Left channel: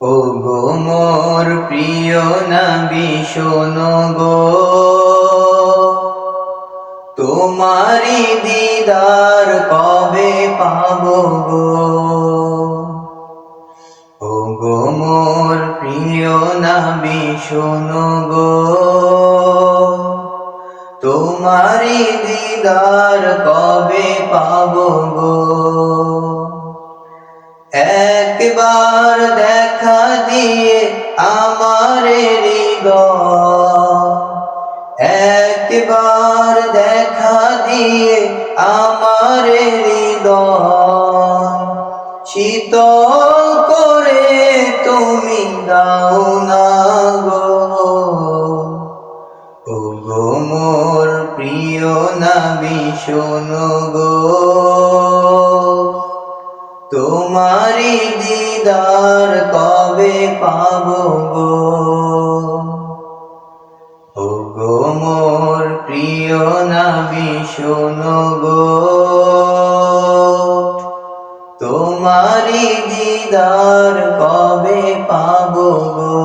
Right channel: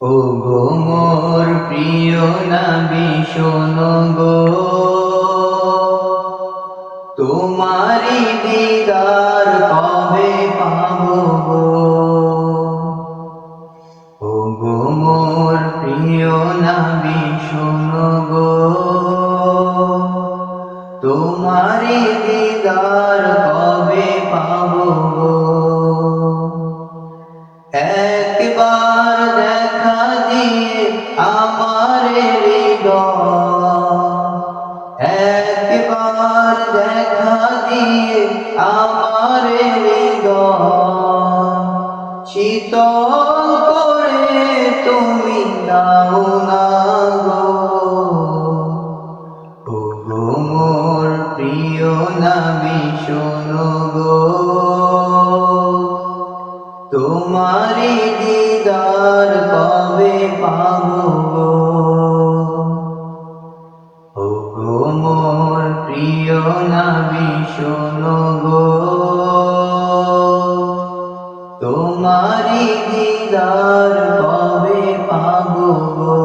ও গো মোর প্রিয় নবী, শোনো গো। তোমারি দিদার কবে পাবো গো? ও গো মোর প্রিয় নবী, শোনো গো। তোমারি দিদার কবে পাবো গো? একবার দিয়ে আমার হৃদয়। শীতল করে তুমি দাও না গো। ও গো মোর প্রিয় নামি শোনো গো। তোমারি দিদার কবে পাবো গো? প্রিয় নবী শোনো গো। তোমারি দিদার কবে পাবো গো?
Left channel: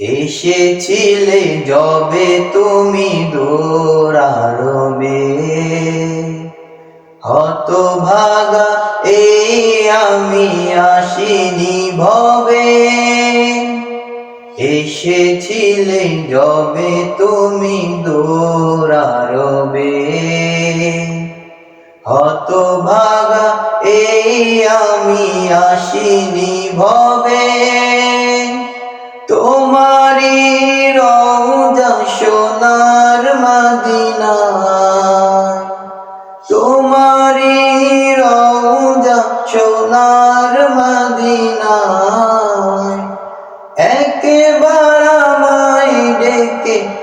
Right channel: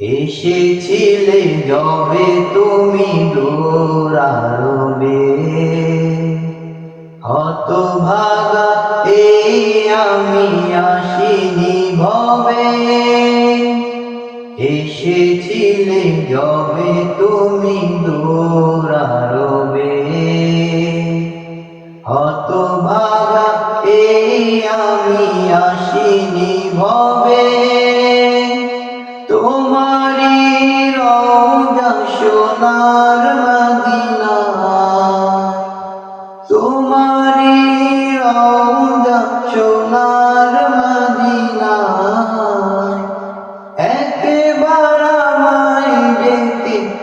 এসেছিলে যবে তুমি দৌড়ারবে হত ভাগা এই আমি আসিনি ভবে। এসেছিলে যবে তুমি দৌড়ারবে হত ভাগা এই আমি আসিনি ভবে।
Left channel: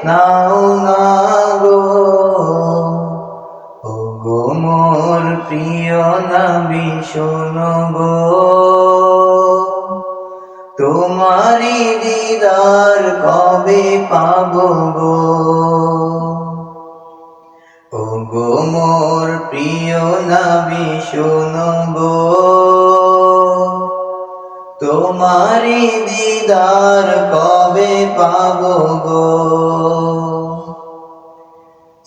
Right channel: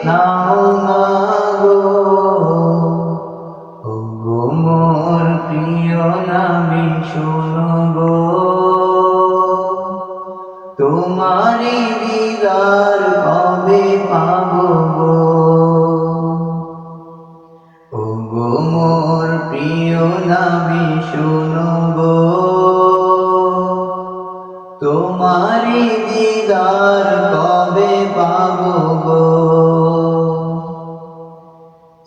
নাও না গো। ও গো মোর প্রিয় নবী শোনো গো। তোমারি দিদার কবে পাবো গো? ও গো মোর প্রিয় নবী শোনো গো। তোমারি দিদার কবে পাবো গো?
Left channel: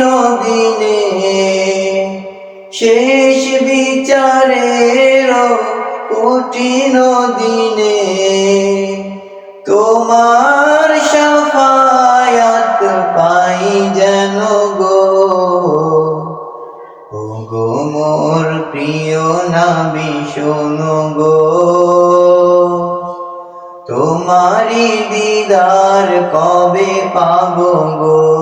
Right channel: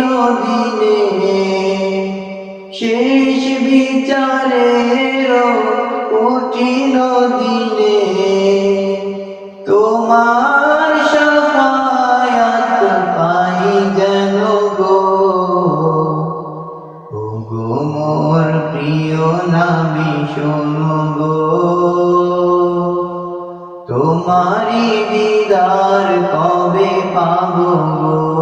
কঠিন শেষ বিচারের কঠিন দিনে তোমার সাফায়াত পাই যেন গো। গো মোর প্রিয় নাবি শোনো গো। তোমারি দিদার কবে পাবো গো?